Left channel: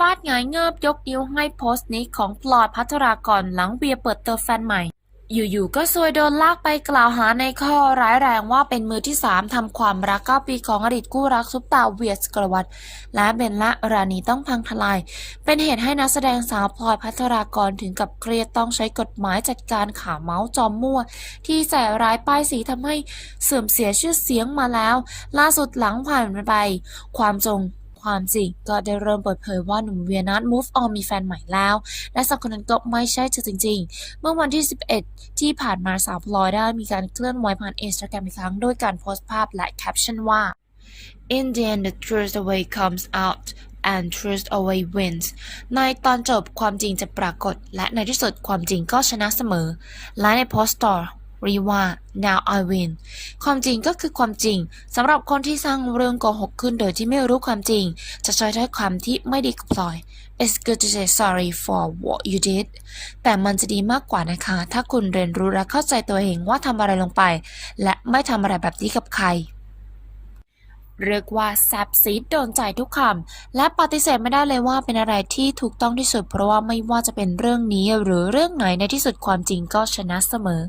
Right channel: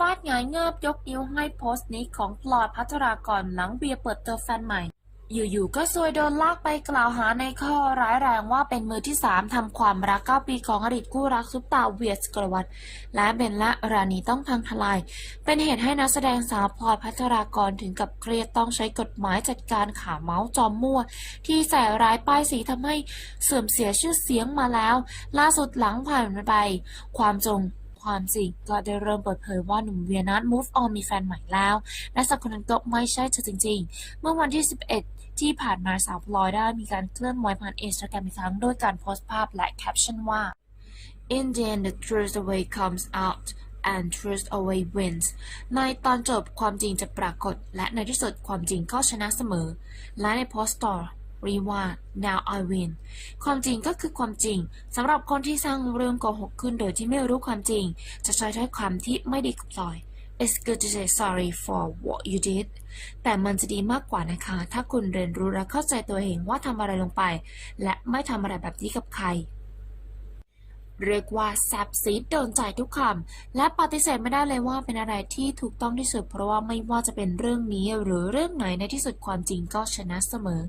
ฟาดหงายเงิบยกนิ้วให้โพสต์นี้ของพลอยพัทรากรหลังเวียเปิดเตัวแฟนใหม่ อยู่ๆก็ซวยโดนลากไปกล่าวหาในข้อร้ายแรงว่าเป็นมือที่ 3ทำความรัก9ปีของอดีตกู้รักซุปตาเวียสกรวัตและเบนละรานีต้องพังทลาย เป็นเหตุให้นักแสดงสาวพลอยพัทรากรถึงกับเครียดต้องใช้กฎหมายจัดการข่าวเมาส์จอมมั่ว ที่ใส่ร้ายป้ายสีทำให้เสื่อมเสียชื่อเสียงมาแล้ว ล่าสุดหลังผ่านไป ความจง ความจริงก็ได้เริ่มเปิดเผยว่าหนุ่มเวียนัท move on มีแฟนใหม่แล้ว และสักคนนั้นก็ไม่ใช่เธอจริง ๆ เมื่อวันที่ 11 ที่ผ่านมาสาวพลอยได้มีการเคลื่อนไหวผ่านอินสตาแกรมอีกครั้งด้วยการโพสต์ภาพและแคปชั่นว่า In the end the truth away comes out and truth always wins ในตอนจบความจริงจะปรากฏ และในที่สุดความจริงก็ชนะเสมอ และในโพสต์ต่อ รีว่า now I win ความจริงก็คือความจริงสำหรับคนที่สร้างเรื่องโกหกขึ้นโดยที่ไม่รู้ความจริง จะใช้ถ้อยคำที่ไม่ดีกับพลอย It's good to say sorry for what you did แต่มันจะดีมากกว่านะคะ ถ้าคุณเรียนรู้และเข้าใจตัวเองว่าทำอะไรลงไป และไม่ทำอะไรแบบนี้กับใคร เรียกว่าแซบซีดโดนใจทุกคำและปฏิเสธไม่ได้เลยว่าเป็นอะไรที่ถูกต้องที่สุด เพราะว่าไม่ว่าจะเป็นเรื่องนี้หรือเรื่องไหนในที่สุดความจริงก็ชนะเสมอ